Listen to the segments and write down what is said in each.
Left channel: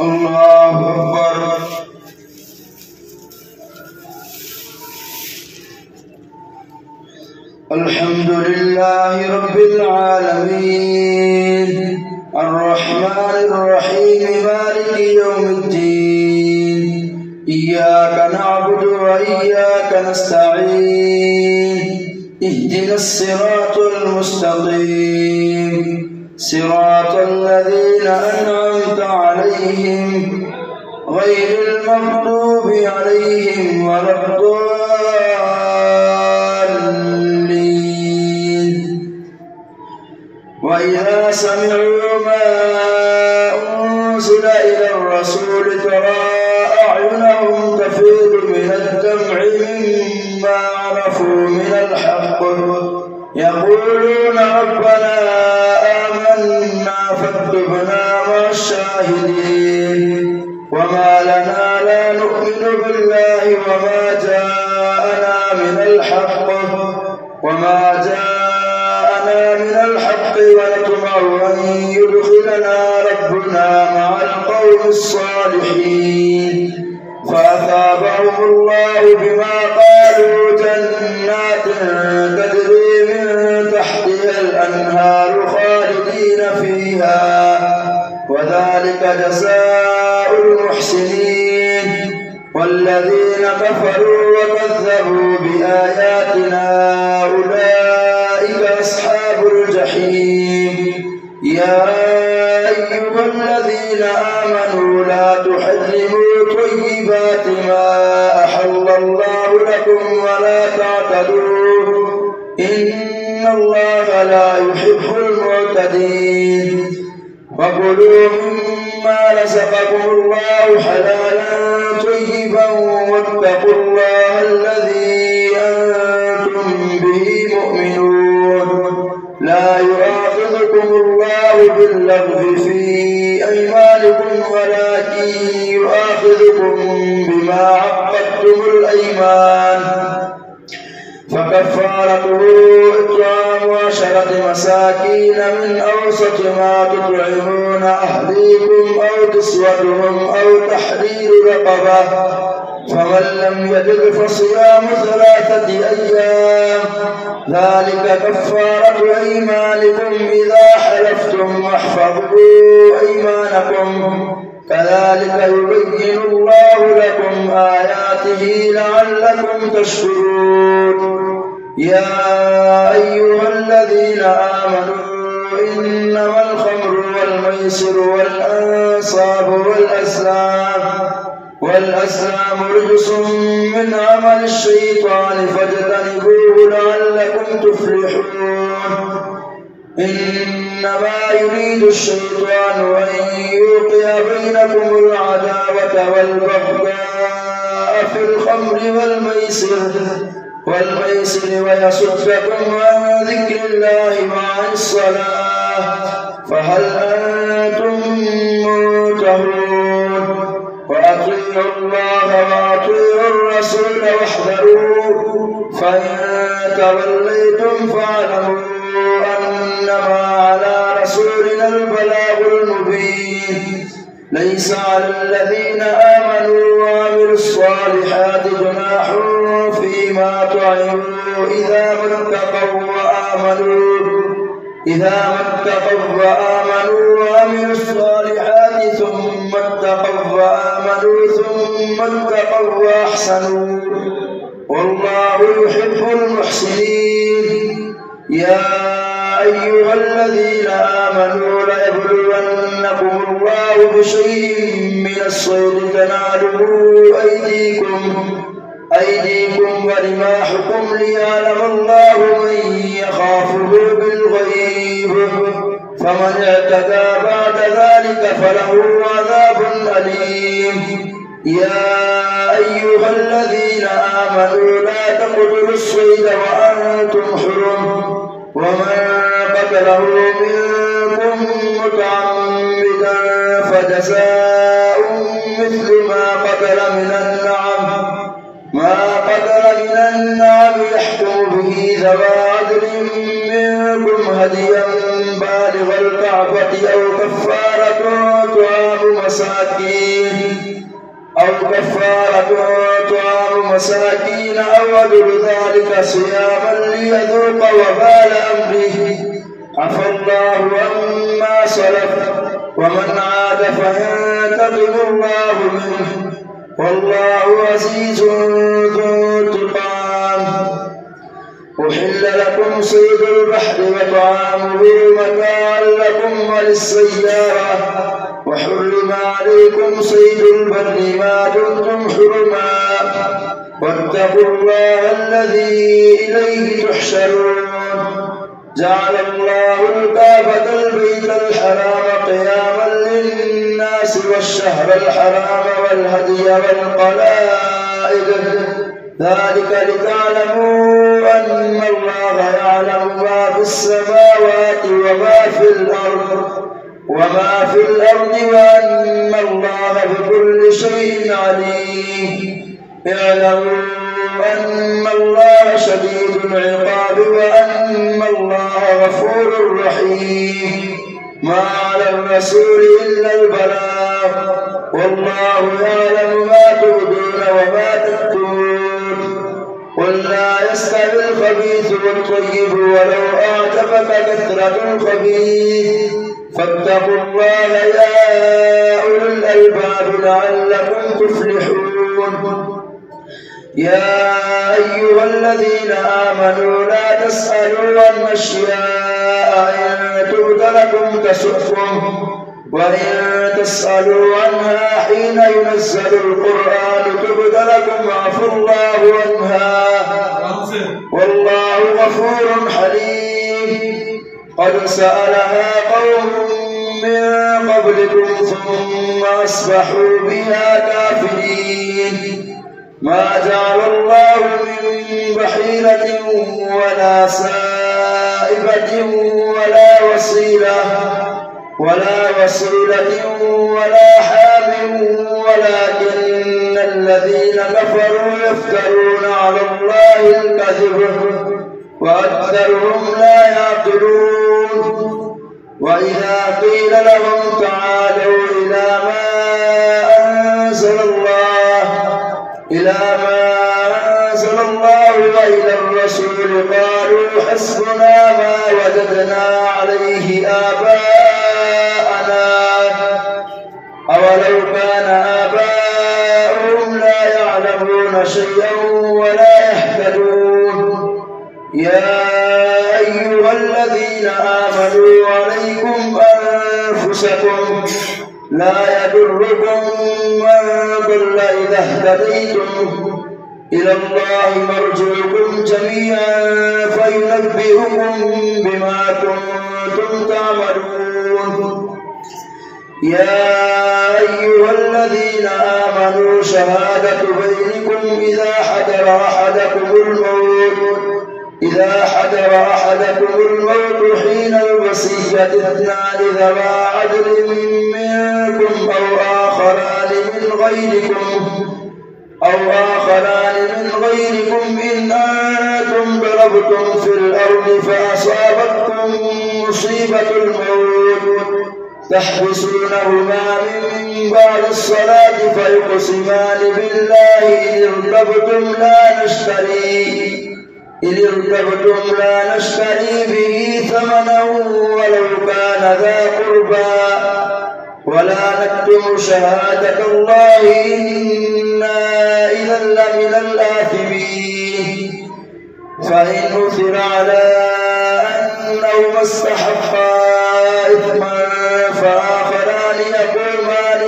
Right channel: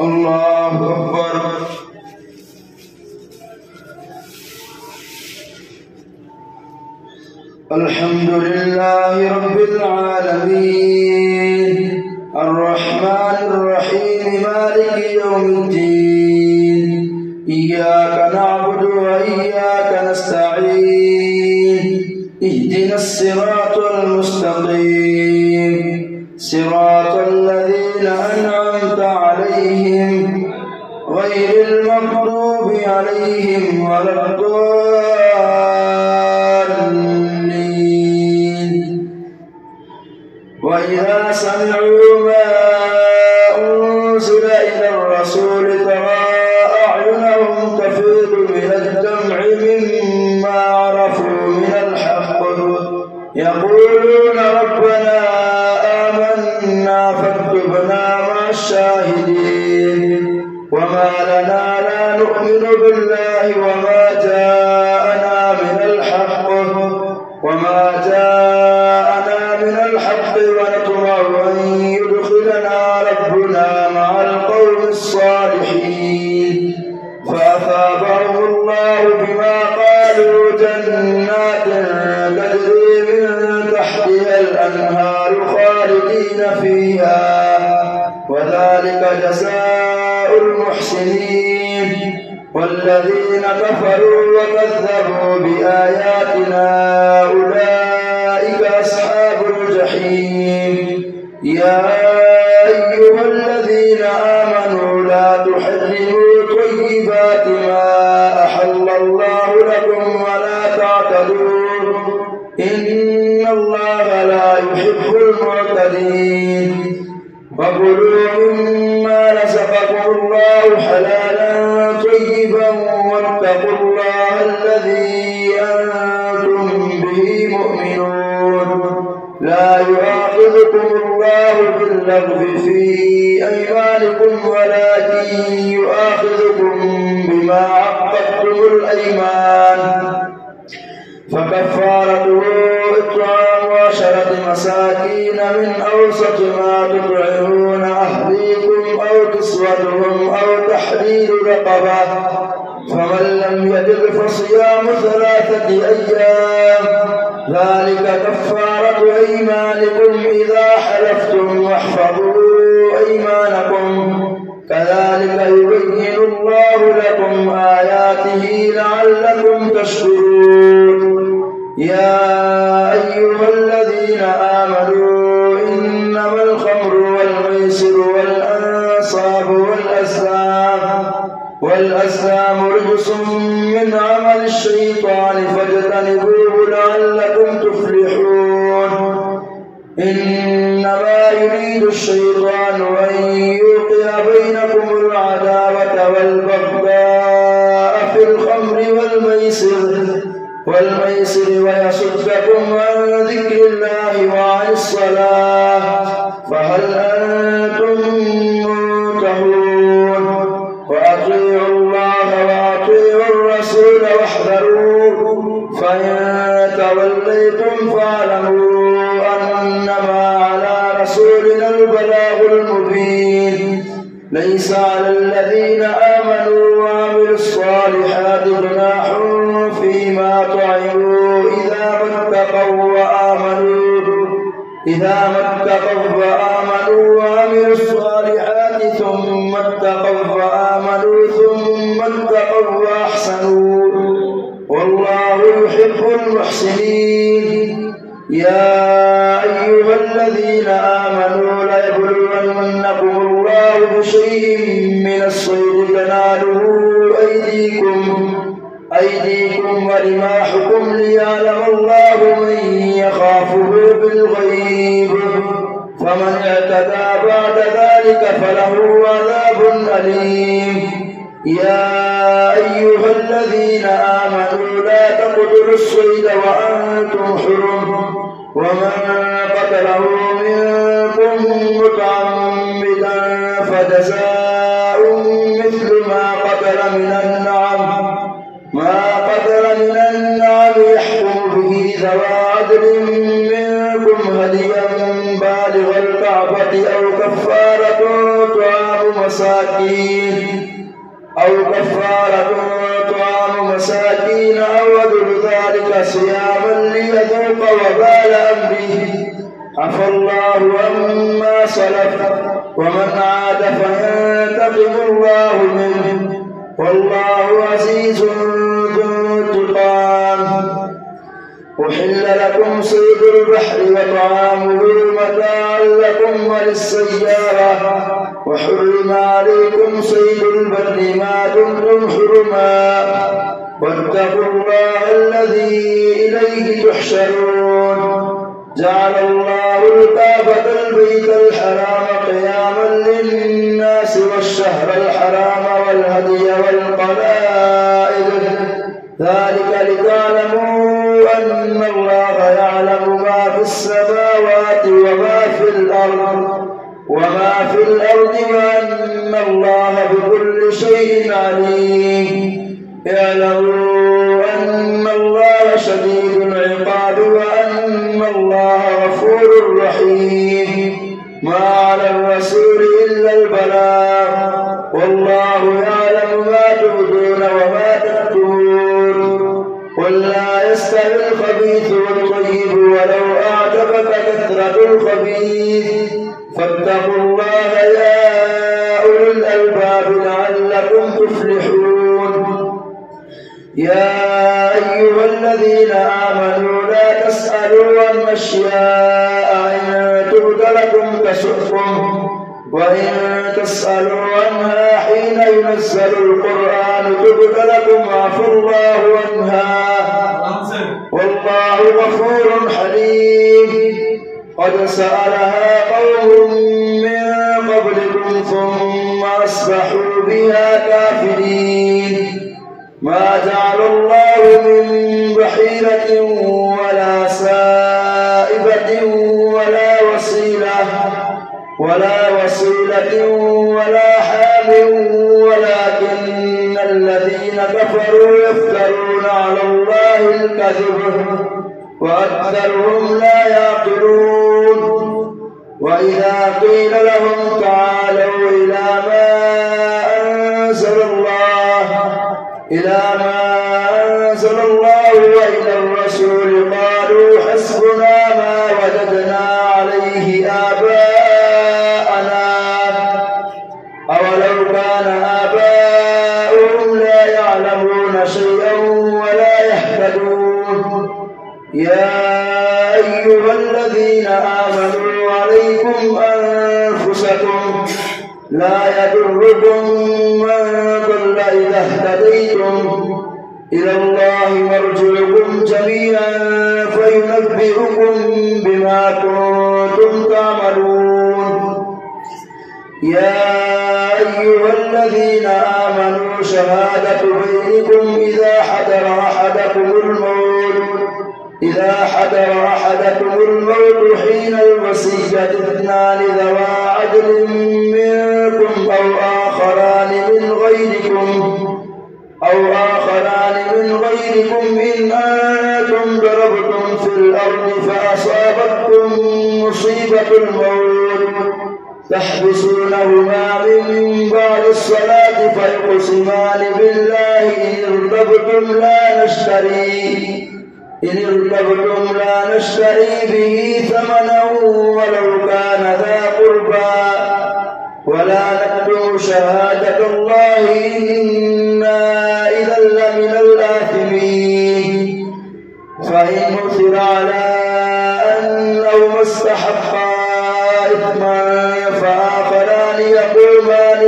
الله أكبر. الحمد لله رب العالمين الرحمن الرحيم مالك يوم الدين إياك نعبد وإياك نستعين اهدنا الصراط المستقيم صراط الذين أنعمت عليهم غير المغضوب عليهم ولا الضالين. وإذا سمعوا ما أنزل إلى الرسول ترى أعينهم تفيض من الدمع مما عرفوا من الحق يقولون ربنا آمنا فاكتبنا مع الشاهدين. وما لنا لا نؤمن بالله وما جاءنا من الحق ونطمع أن يدخلنا ربنا مع القوم الصالحين. فأثابهم الله بما قالوا جنات تجري من تحتها الأنهار خالدين فيها وذلك جزاء المحسنين. والذين كفروا وكذبوا بآياتنا أولئك أصحاب الجحيم. يا أيها الذين آمنوا لا تحرموا طيبات ما أحل الله لكم ولا تعتدوا إن الله لا يحب المعتدين. وكلوا مما رزقكم الله حلالا طيبا واتقوا الله الذي أنتم به مؤمنون. لا يؤاخذكم الله باللغو في أيمانكم ولكن يؤاخذكم بما عقدتم الأيمان. فكفارته إطعام 10 مساكين من أوسط ما تطعمون أهليكم أو كسوتهم أو تحرير رقبة فمن لم يجد فصيام 3 أيام ذلك كفارة أيمانكم إذا حلفتم واحفظوا أيمانكم كذلك يبين الله لكم آياته لعلكم تشكرون. يا أيها الذين آمنوا إنما الخمر والميسر والأنصاب والأزلام رجس من عمل الشيطان فاجتنبوه لعلكم تفلحون. إنما يريد الشيطان أن يوقع بينكم العداوة والبغضاء في الخمر والميسر ويصدكم عن ذكر الله وعن الصلاة فهل أنتم منتهون. وأطيعوا الله وأطيعوا الرسول واحذروا فإن توليتم فاعلموا أنما على رسولنا البلاغ المبين. ليس على الذين آمنوا وعملوا الصالحات جناح فيما طعموا إذا ما اتقوا وآمنوا وعملوا الصالحات ثم اتقوا وأحسنوا والله يحب المحسنين. يا أيها الذين آمنوا ليبلونكم الله بشيء من الصيد تناله أيديكم ورماحكم ليعلم الله من يخافه بالغيب فمن اعتدى بعد ذلك فله عذاب أليم. يا أيها الذين آمنوا لا تقتلوا الصيد وأنتم حرم ومن قتله منكم متعمدا فجزاء مثل ما قتل من النعم يحكم به ذوى عدل منكم هديا بالغ الكعبة أو كفارة طعام مساكين أو كفارة طعام مساكين أو عدل ذلك صياما ليذوق وبال أمره عفى الله عما سلف ومن عاد فينتقم الله منه والله عزيز ذو انتقام. أحل لكم صيد البحر وطعامه متاعا لكم وللسيارة وحرم عليكم صيد البر ما دمتم حرما واتقوا الله الذي إليه تحشرون. جعل الله الكعبة البيت الحرام قياما للناس والشهر الحرام والهدي والقلائد ذلك لتعلموا أن الله يعلم ما في السماوات وما في الأرض وأن الله بكل شيء عليم. اعلموا أن الله شديد العقاب وأن الله غفور رحيم. ما على الرسول إلا البلاغ والله يعلم ما تبدون وما تكتمون. قل لا يستوي الخبيث والطيب ولو أعجبك كثرة الخبيث فاتقوا الله يا أولي الألباب لعلكم تفلحون. يا أيها الذين آمنوا لا تسألوا عن أشياء إن تبد لكم تسؤكم وإن تسألوا عنها حين ينزل القرآن تبد لكم عفى الله عنها والله غفور حليم. قد سألها قوم من قبلكم ثم أصبحوا بها كافرين. ما جعل الله من بحيرة ولا سائبة ولا وسيلة ولا حام ولكن الذين كفروا يفترون على الله الكذب وأكثرهم لا يعقلون. وإذا قيل لهم تعالوا إلى ما أنزل الله وإلى الرسول قالوا حسبنا ما وجدنا عليه آباءنا أولو كان آباؤهم لا يعلمون شيئا ولا يهتدون. يا أيها الذين آمنوا عليكم أنفسكم لا يضركم من ضل إذا اهتديتم إلى الله مرجعكم جميعا فينبئكم بما كنتم تعملون. يا أيها الذين آمنوا شهادة بينكم إذا حضر أحدكم الموت حين الوصية اثنان ذوى عدل منكم أو آخران من غيركم إن أنتم ضربتم في الأرض فأصابتكم مصيبة الموت تحبسونهما من بعد الصلاة فيقسمان بالله إن ارتبتم لا نشتري به ثمنا ولو كان ذا قربى ولا نكتم شهادة الله إنا إذا لمن الآثمين. فإن نثر على أنهما استحقا إثما فآخران يقومان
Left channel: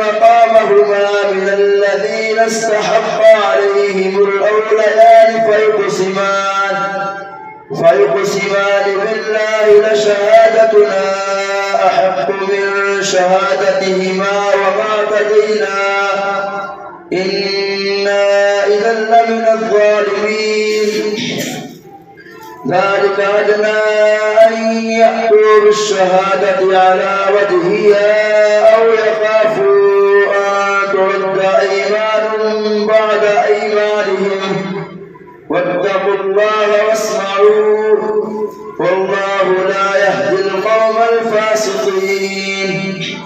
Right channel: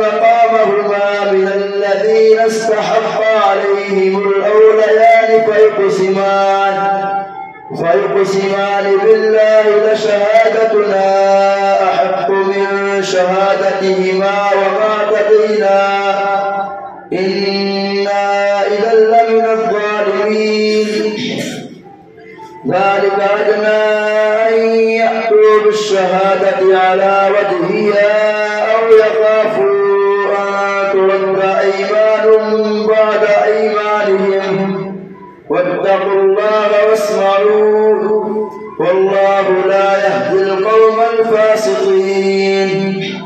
مقامهما من الذين استحق عليهم الأوليان فيقسمان بالله لشهادتنا أحق من شهادتهما وما اعتدينا إنا إذا لمن الظالمين. ذلك أدنى أن يأتوا بالشهادة على وجهها أو يخافوا أن ترد أيمان بعد أيمانهم واتقوا الله واسمعوا والله لا يهدي الراسخين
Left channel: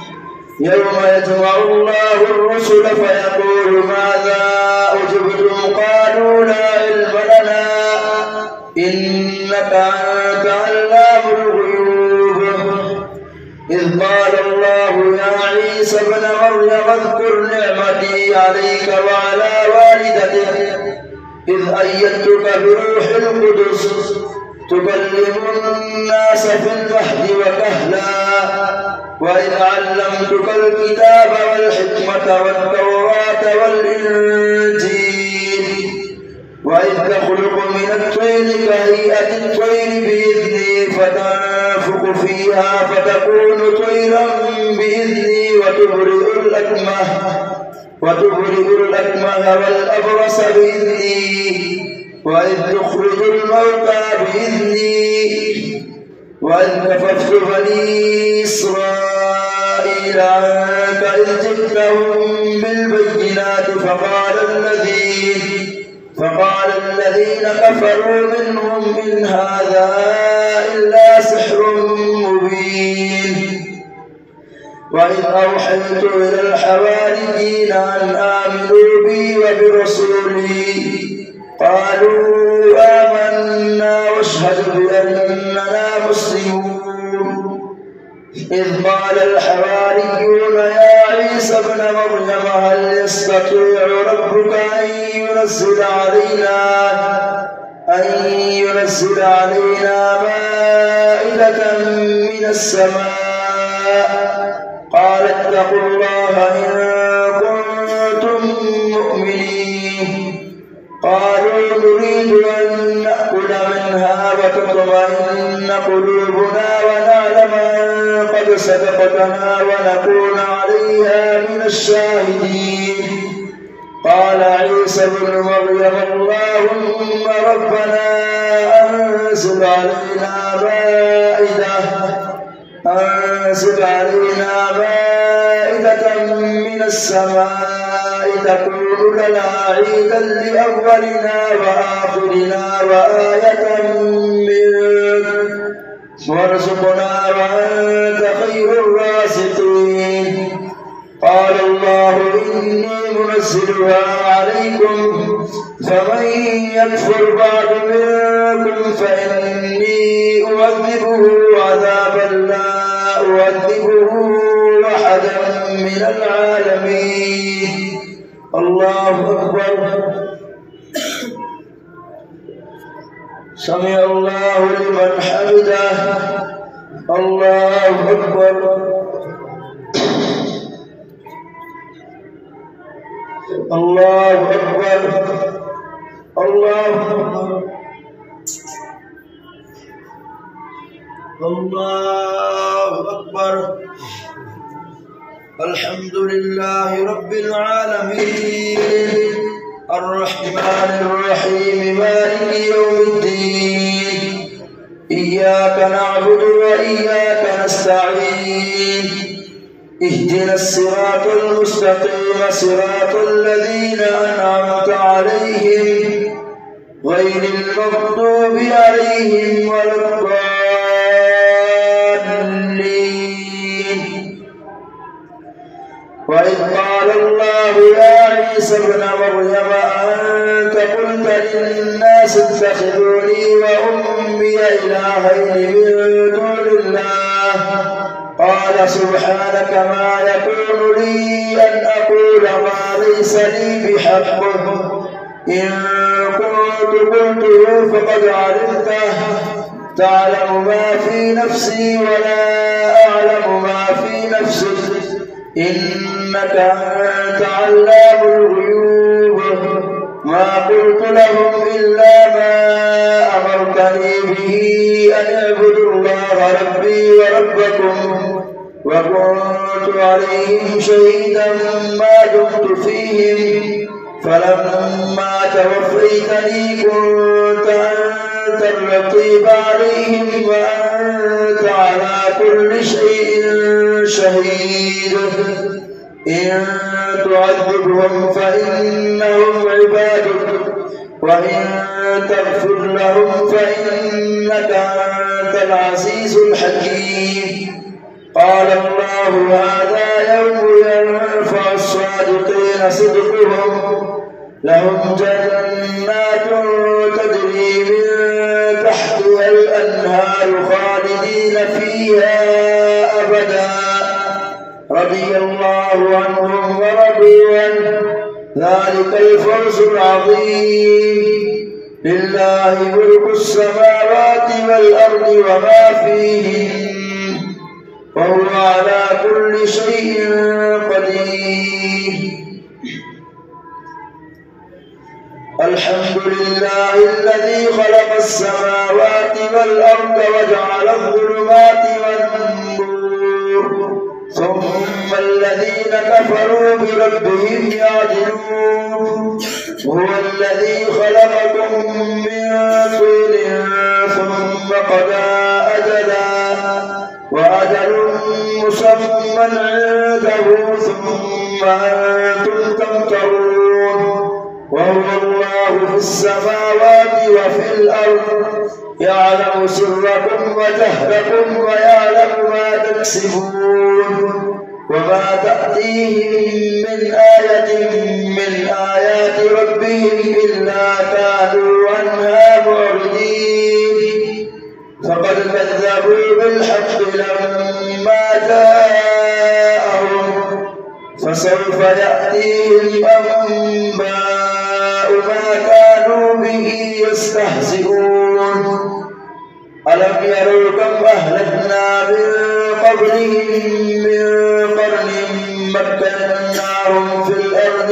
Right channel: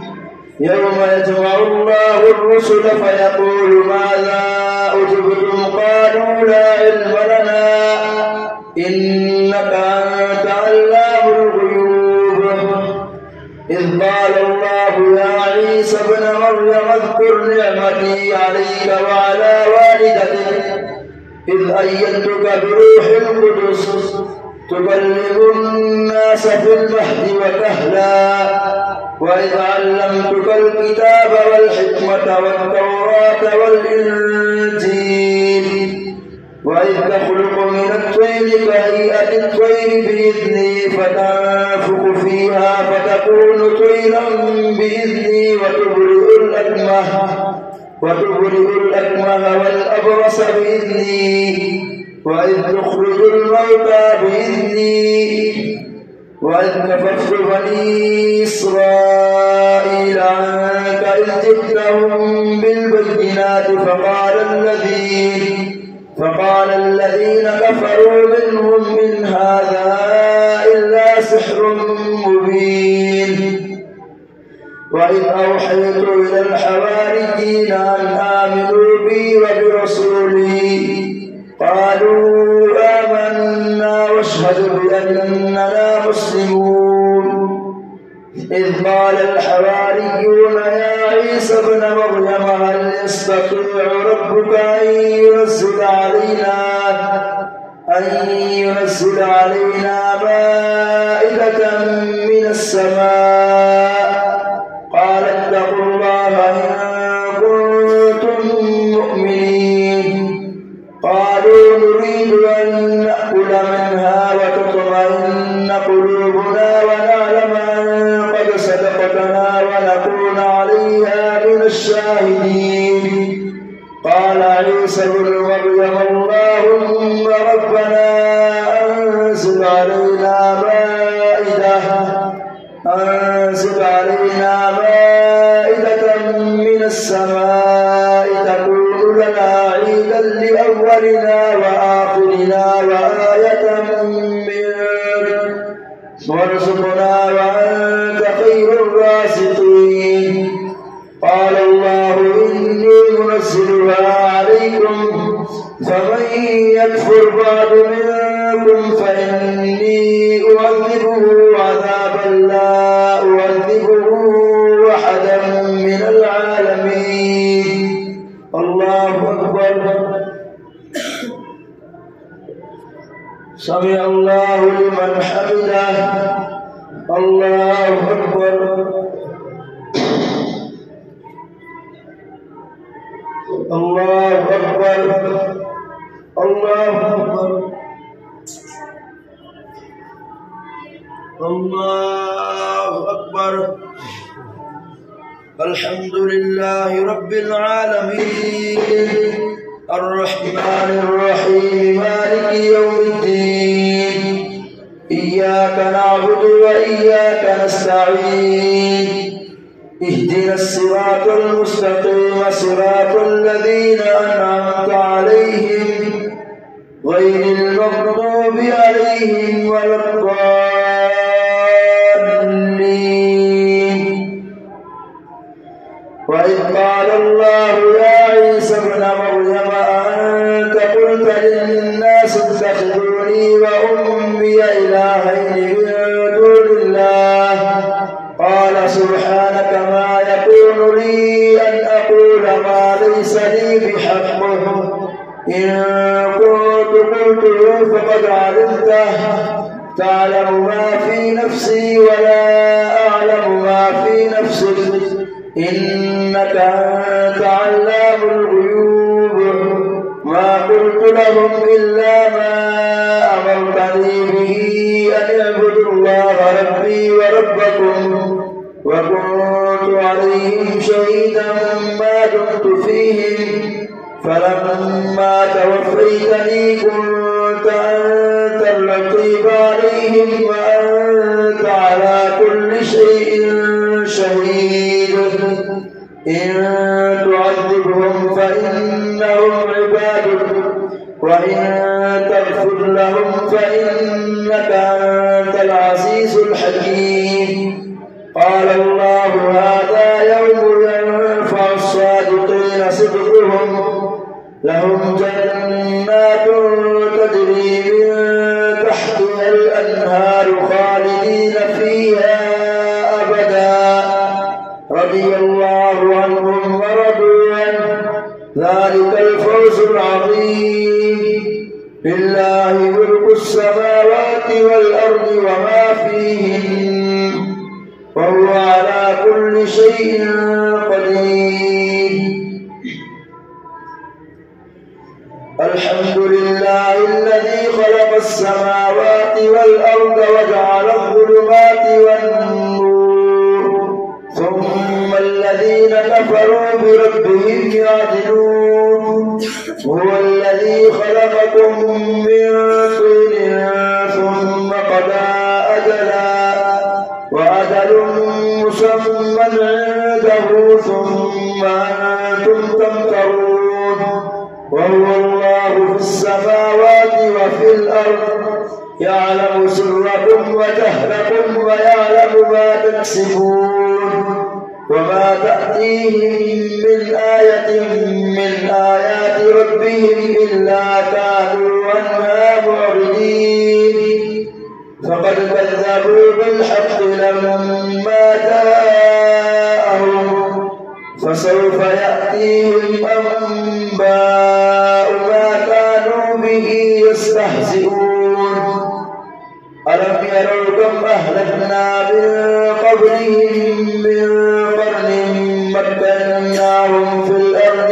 يوم يجمع الله الرسل فيقول ماذا أجبتم قالوا لا علم لنا إنك أنت علام الغيوب إذ قال الله يا عيسى ابن مريم اذكر نعمتي عليك وعلى والدتك إذ أيدتك بروح القدس تكلم الناس في المهد وكهلا وإذ علمتك الكتاب والحكمة والتوراة والإنجيل وإذ تخلق من الطين كهيئة الطير بإذني فتنفخ فيها فتكون طيرا بإذني وتبرئ الأكمه والأبرص بإذني وإذ تخرج الموتى بإذني وإذ كففت بني إسرائيل عنك إذ جئتهم بالبينات فقال الذين كفروا منهم إن هذا إلا سحر مبين وإذ أوحيت إلى الحواريين أن آمنوا بي وبرسولي قالوا آمنا واشهد بأننا مسلمون إذ قال الحواريون يا عيسى ابن مريم هل يستطيع ربك أن ينزل علينا مائدة من السماء قال اتقوا الله إن كنتم مؤمنين قالوا نريد أن نأكل منها وتطمئن قلوبنا ونعلم أن قد صدقتنا ونكون عليها من الشاهدين قال عيسى ابن مريم اللهم ربنا أنزل علينا مائدة من السماء تكون لنا عيدا لأولنا وآخرنا وآية منك وارزقنا وأنت خير الرازقين قال الله إني منزلها عليكم فمن يكفر بعد منكم فإني أعذبه عذابا لا أعذبه أحدا من العالمين الله أكبر سمع الله لمن حمده الله أكبر الله أكبر الله أكبر الله أكبر الحمد لله رب العالمين الرحمن الرحيم مالك يوم الدين إياك نعبد وإياك نستعين اهدنا الصراط المستقيم صراط الذين أنعمت عليهم غير المغضوب عليهم ولا الضالين وإذ قال الله يا عيسى ابن مريم أأنت قلت للناس اتخذوني وأمي إلهين من دون الله قال سبحانك ما يكون لي أن أقول ما ليس لي بحق إن كنت قلته فقد علمته تعلم ما في نفسي ولا أعلم ما في نفسك إنك أنت علام الغيوب ما قلت لهم إلا ما أمرتني به أن اعبدوا الله ربي وربكم وكنت عليهم شهيدا ما دمت فيهم فلما توفيتني كنت أنت الرقيب عليهم وأنت على كل شيء شهيد إن تعذبهم فإنهم عبادك وإن تغفر لهم فإنك أنت العزيز الحكيم قال الله هذا يوم ينفع الصادقين صدقهم لهم جنات تجري من تحتها الأنهار خالدين فيها أبدا رضي الله عنهم ورضوا عنه ذلك الفوز العظيم لله ملك السماوات والأرض وما فيهن وهو على كل شيء قدير الحمد لله الذي خلق السماوات والأرض وجعل الظلمات والنور ثم الذين كفروا بربهم يعدلون هو الذي خلقكم من طين ثم قضى أجلا وأجل مسمى عنده ثم أنتم تمترون وهو الله في السماوات وفي الأرض يعلم سركم وجهركم ويعلم ما تكسبون وما تأتيهم من آية من آيات ربهم إلا كانوا عنها معرضين فقد كذبوا بالحق لما جاءهم فسوف يأتيهم أنباء ما كانوا به يستهزئون ألم يروا كم أهلكنا من قبلهم من قرن مكناهم في الأرض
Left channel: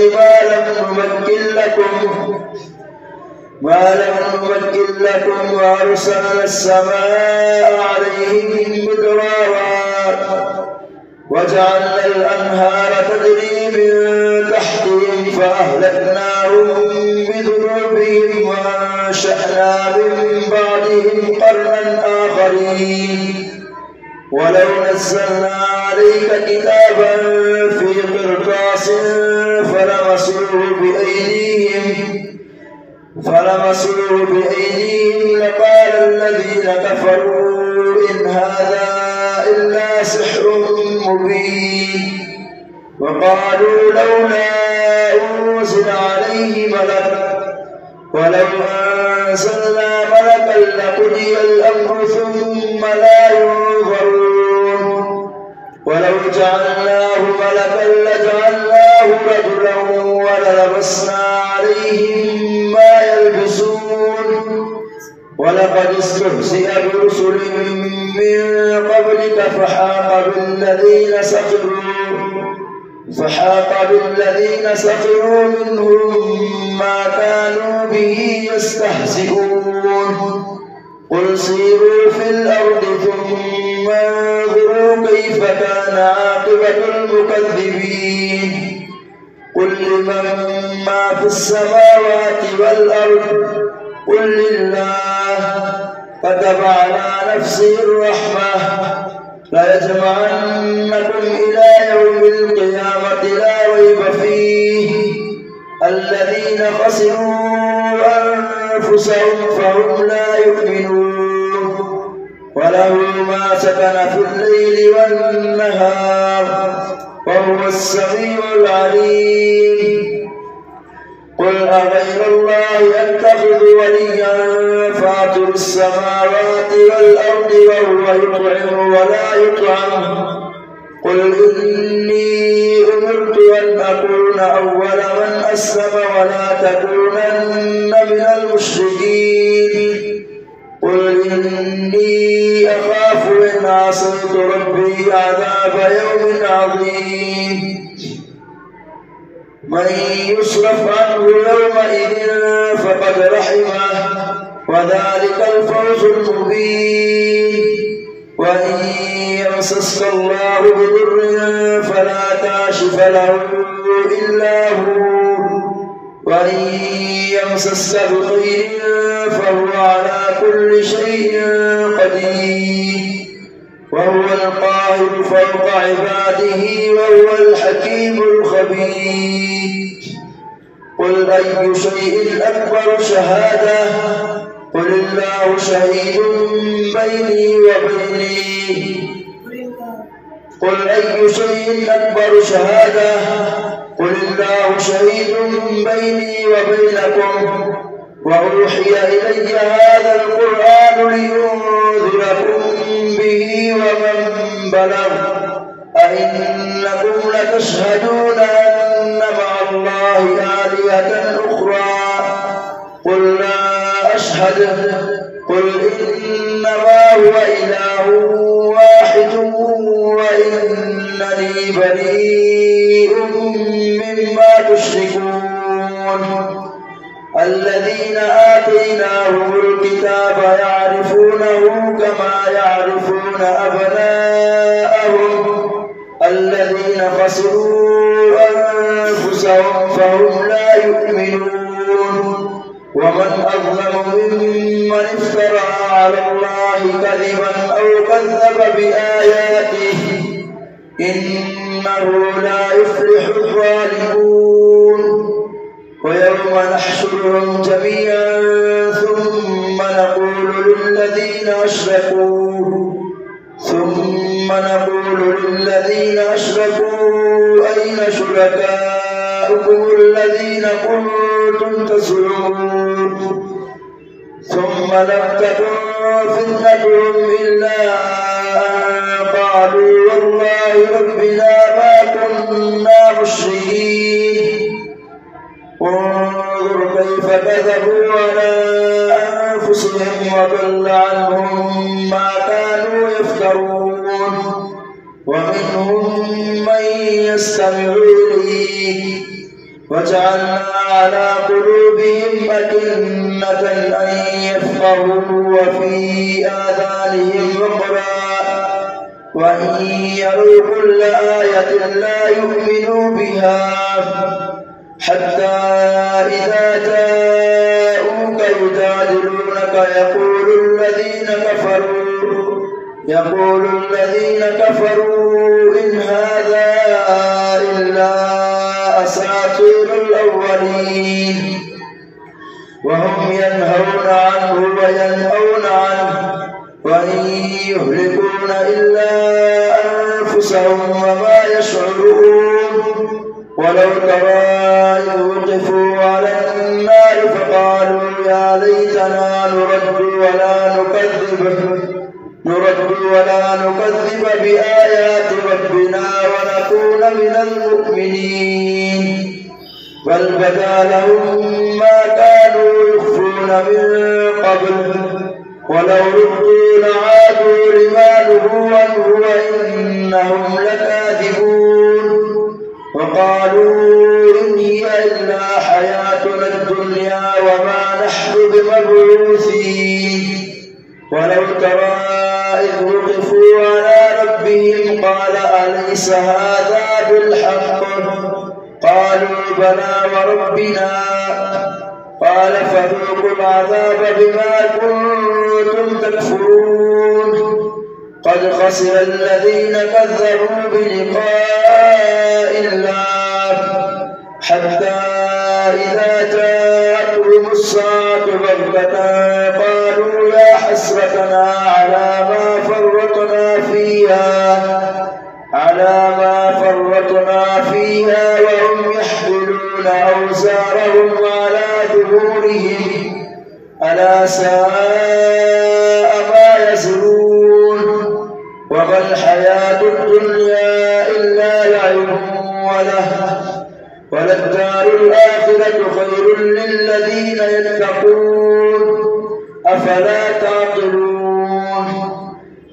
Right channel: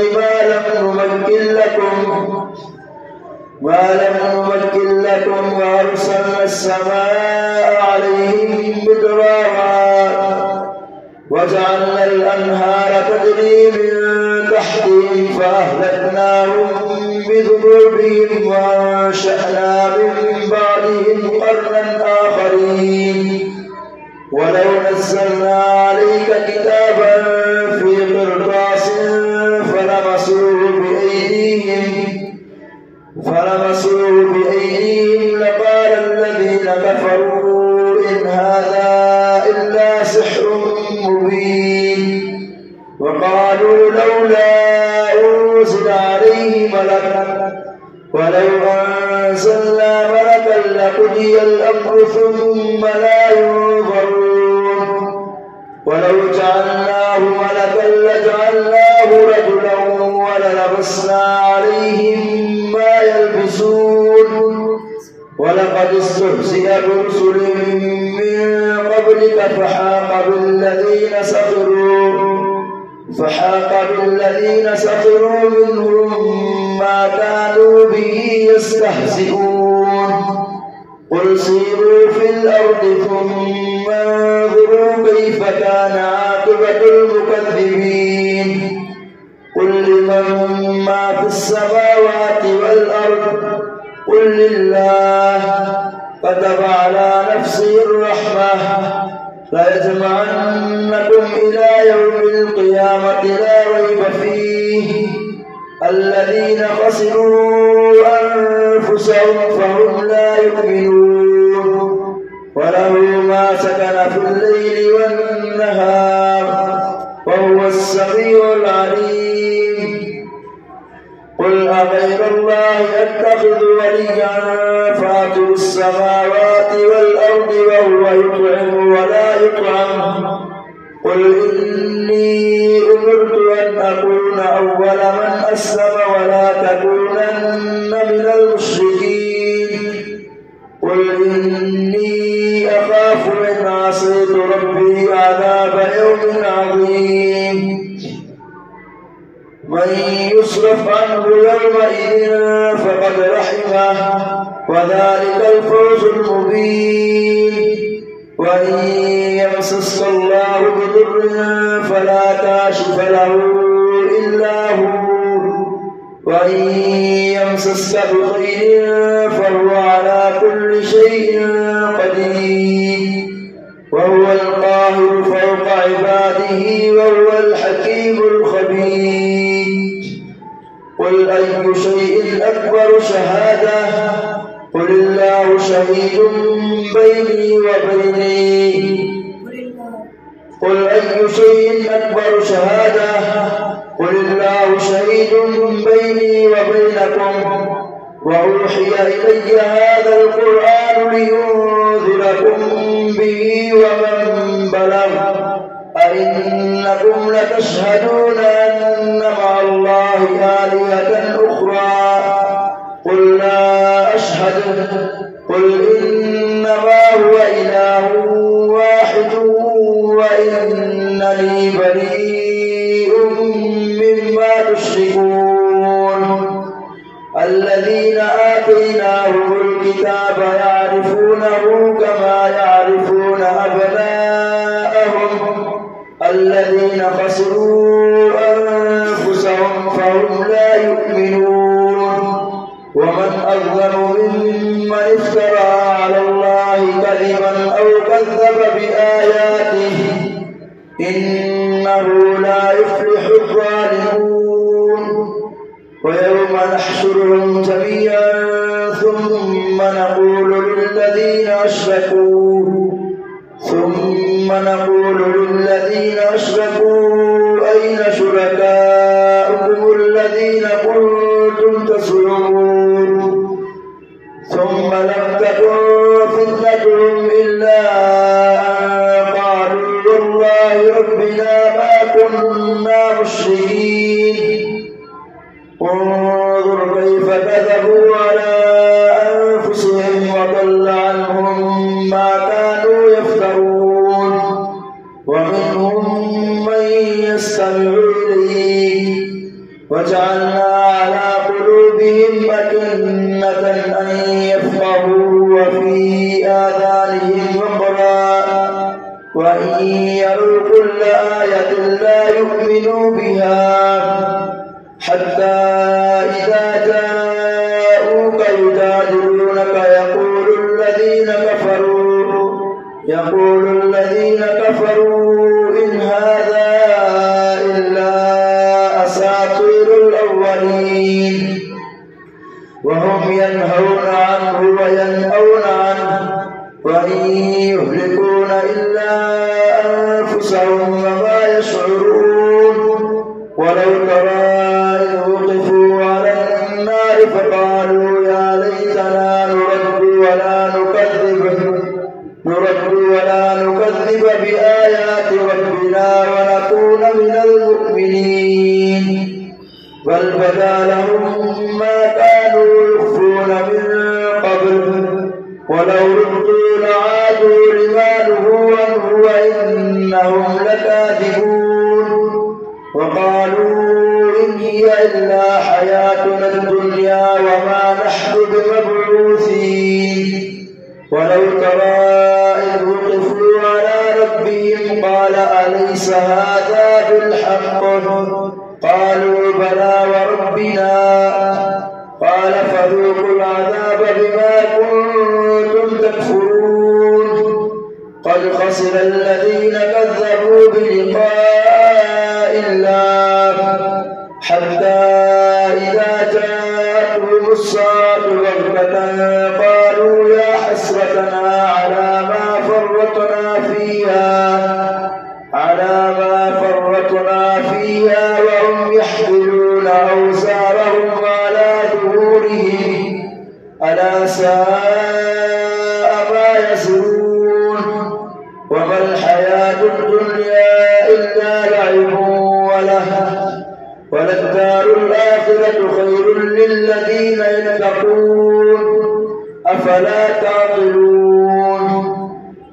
ما لم نمكن لكم وأرسلنا السماء عليهم مدرارا وجعلنا الأنهار تجري من تحتهم فأهلكناهم بذنوبهم وأنشأنا من بعدهم قرنا آخرين ولو نزلنا عليك كتابا في قرطاس فلمسوه بأيديهم لقال الذين كفروا إن هذا إلا سحر مبين وقالوا لولا أنزل عليه ملك ولو أنزلنا ملكا لقضي الأمر ثم لا ينظرون ولو جعلناه ملكا لجعلناه رجلا وللبسنا عليهم ما يلبسون ولقد استهزئ برسل من قبلك فحاق بالذين سخروا منهم ما كانوا به يستهزئون قل سيروا في الأرض ثم انظروا كيف كان عاقبة المكذبين قل لمن ما في السماوات والأرض قل لله كتب على نفسه الرحمة ليجمعنكم إلى يوم القيامة لا ريب فيه الذين خسروا أنفسهم فهم لا يؤمنون وله ما سكن في الليل والنهار وهو السميع العليم قل أغير الله أتخذ وليا فاطر السماوات والأرض وهو يطعم ولا يطعم قل إني أمرت أن أكون أول من أسلم ولا تكونن من المشركين قل إني أخاف إن عصيت ربي عذاب يوم عظيم من يصرف عنه يومئذ فقد رحمه وذلك الفوز المبين وإن يمسسك الله بضر فلا كاشف له إلا هو وإن يمسسك بخير فهو على كل شيء قدير وهو القاهر فوق عباده وهو الحكيم الخبير قل أي شيء أكبر شهادة قل الله شهيد بيني قل أي شيء أكبر شهادة قل الله شهيد بيني وبينكم وأوحي إلي هذا القرآن لينذركم به ومن بلغ أئنكم لتشهدون أن مع الله آلهة أخرى قل لا أشهد قل إنما هو إله واحد وإنني بريء مما تشركون الذين آتيناهم الكتاب يعرفونه كما يعرفون أبناءهم الذين خسروا أنفسهم فهم لا يؤمنون ومن أظلم ممن افترى على الله كذبا أو كذب بآياته إنه لا يفلح الظالمون ويوم نحشرهم جميعا ثم نقول للذين أشركوا أين شركاؤكم الذين كنتم تزعمون ثم لم تكن فتنتهم إلا أن قالوا والله ربنا ما كنا مشركين انظر كيف كذبوا على أنفسهم وضل عنهم ما كانوا يفترون ومنهم من يستمع إليك وجعلنا على قلوبهم أكنة أن يفقهوا وفي آذانهم وقرا وإن يروا كل آية لا يؤمنوا بها حتى إذا جاءوك يجادلونك يقول الذين كفروا إن هذا إلا أساطير الأولين وهم ينهون عنه وينأون عنه وإن يهلكون إلا أنفسهم وما يشعرون ولو ترى إذ وقفوا على النار فقالوا يا ليتنا نرد ولا نكذب بآيات ربنا ونكون من المؤمنين بل بدا لهم ما كانوا يخفون من قبل ولو ردوا لعادوا لما نهوا عنه وإنهم لكاذبون وقالوا إن هي إلا حياتنا الدنيا وما نحن بمبعوثين ولو ترى إذ وقفوا على ربهم قال أليس هذا بالحق قالوا بلى وربنا قال فذوقوا العذاب بما كنتم تكفرون قد خسر الذين كذبوا بلقاء الله حتى إذا جاءتهم الساعة بغتة قالوا يا حسرتنا على ما فرطنا فيها وهم يحملون أوزارهم على ظهورهم ألا ساء ما يزرون وما الحياة الدنيا إلا لعب وللدار الآخرة خير للذين يتقون أفلا تعقلون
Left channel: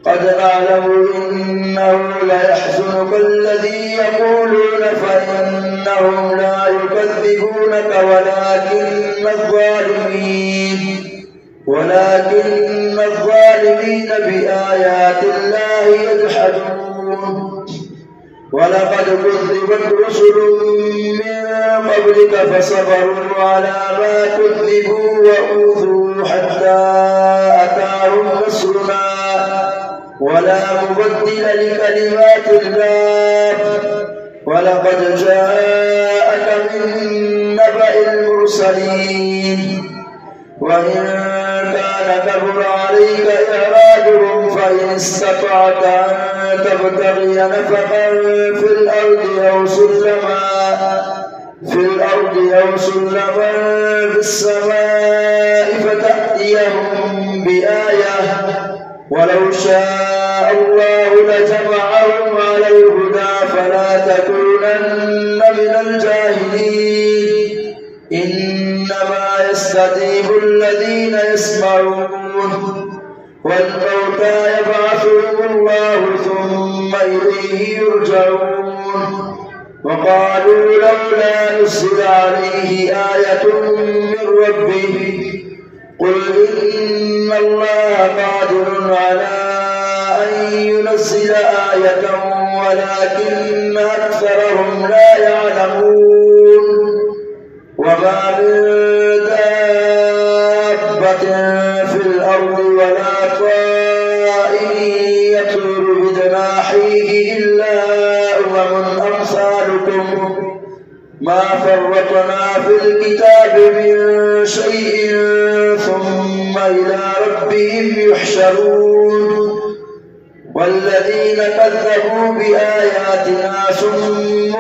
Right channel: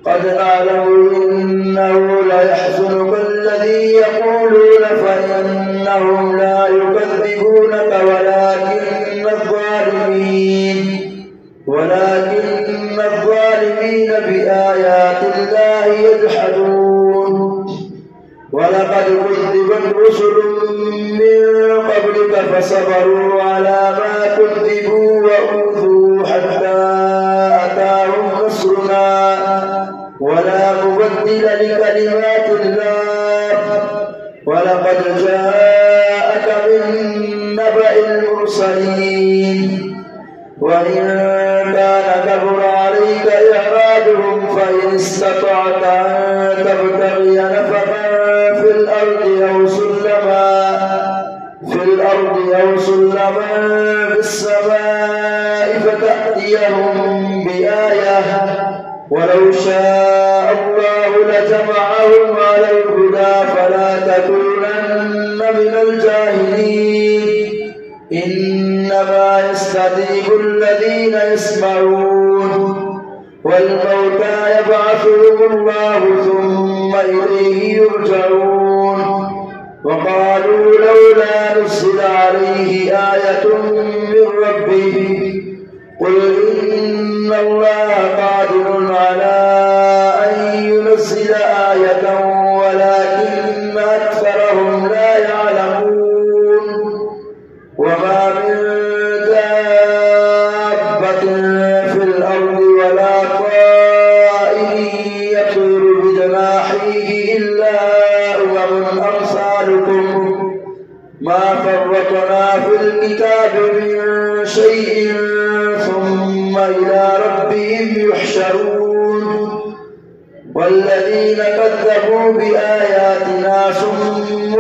قد نعلم إنه ليحزنك الذي يقولون فإنهم لا يكذبونك ولكن الظالمين بآيات الله يجحدون ولقد كذبت رسل من قبلك فصبروا على ما كذبوا وأوذوا حتى أتاهم نصرنا ولا مبدل لكلمات الله ولقد جاءك من نبأ المرسلين وإن كان كبر عليك إعراضهم فإن استطعت أن تبتغي نفقا في الأرض أو سلما في السماء فتأتيهم بآية ولو شاء الله لجمعهم على الهدى فلا تكونن من الجاهلين إنما يستجيب الذين يسمعون والموتى يبعثهم الله ثم إليه يرجعون وقالوا لولا نزل عليه آية من ربه قل إن الله قادر على أن ينزل آية ولكن أكثرهم لا يعلمون وما من دابة في الأرض ولا طائر يطير بجناحيه إلا أمم أمثالكم ما فرطنا في الكتاب من شيء ثم إلى ربهم يحشرون والذين كذبوا بآياتنا صم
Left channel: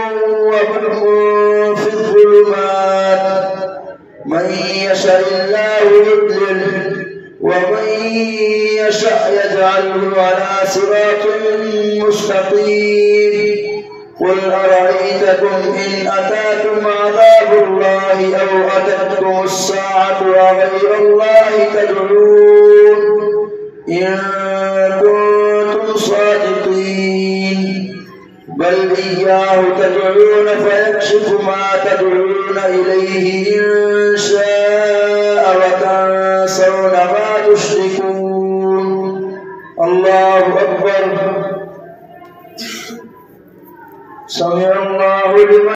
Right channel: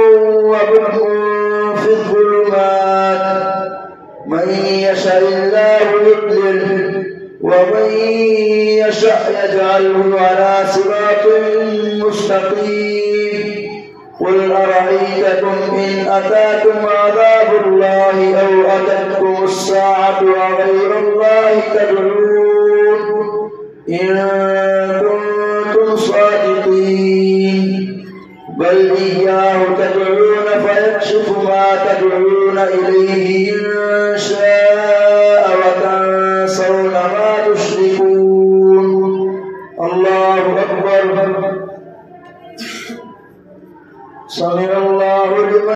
وبكم في الظلمات من يشاء الله يضلله ومن يشاء يجعله على صراط مستقيم قل أرأيتكم إن أتاكم عذاب الله أو أتتكم الساعة وغير الله تدعون إن كنتم صادقين بل إياه تدعون فيكشف ما تدعون إليه إن شاء وتنسون ما تشركون الله أكبر سمع الله لمن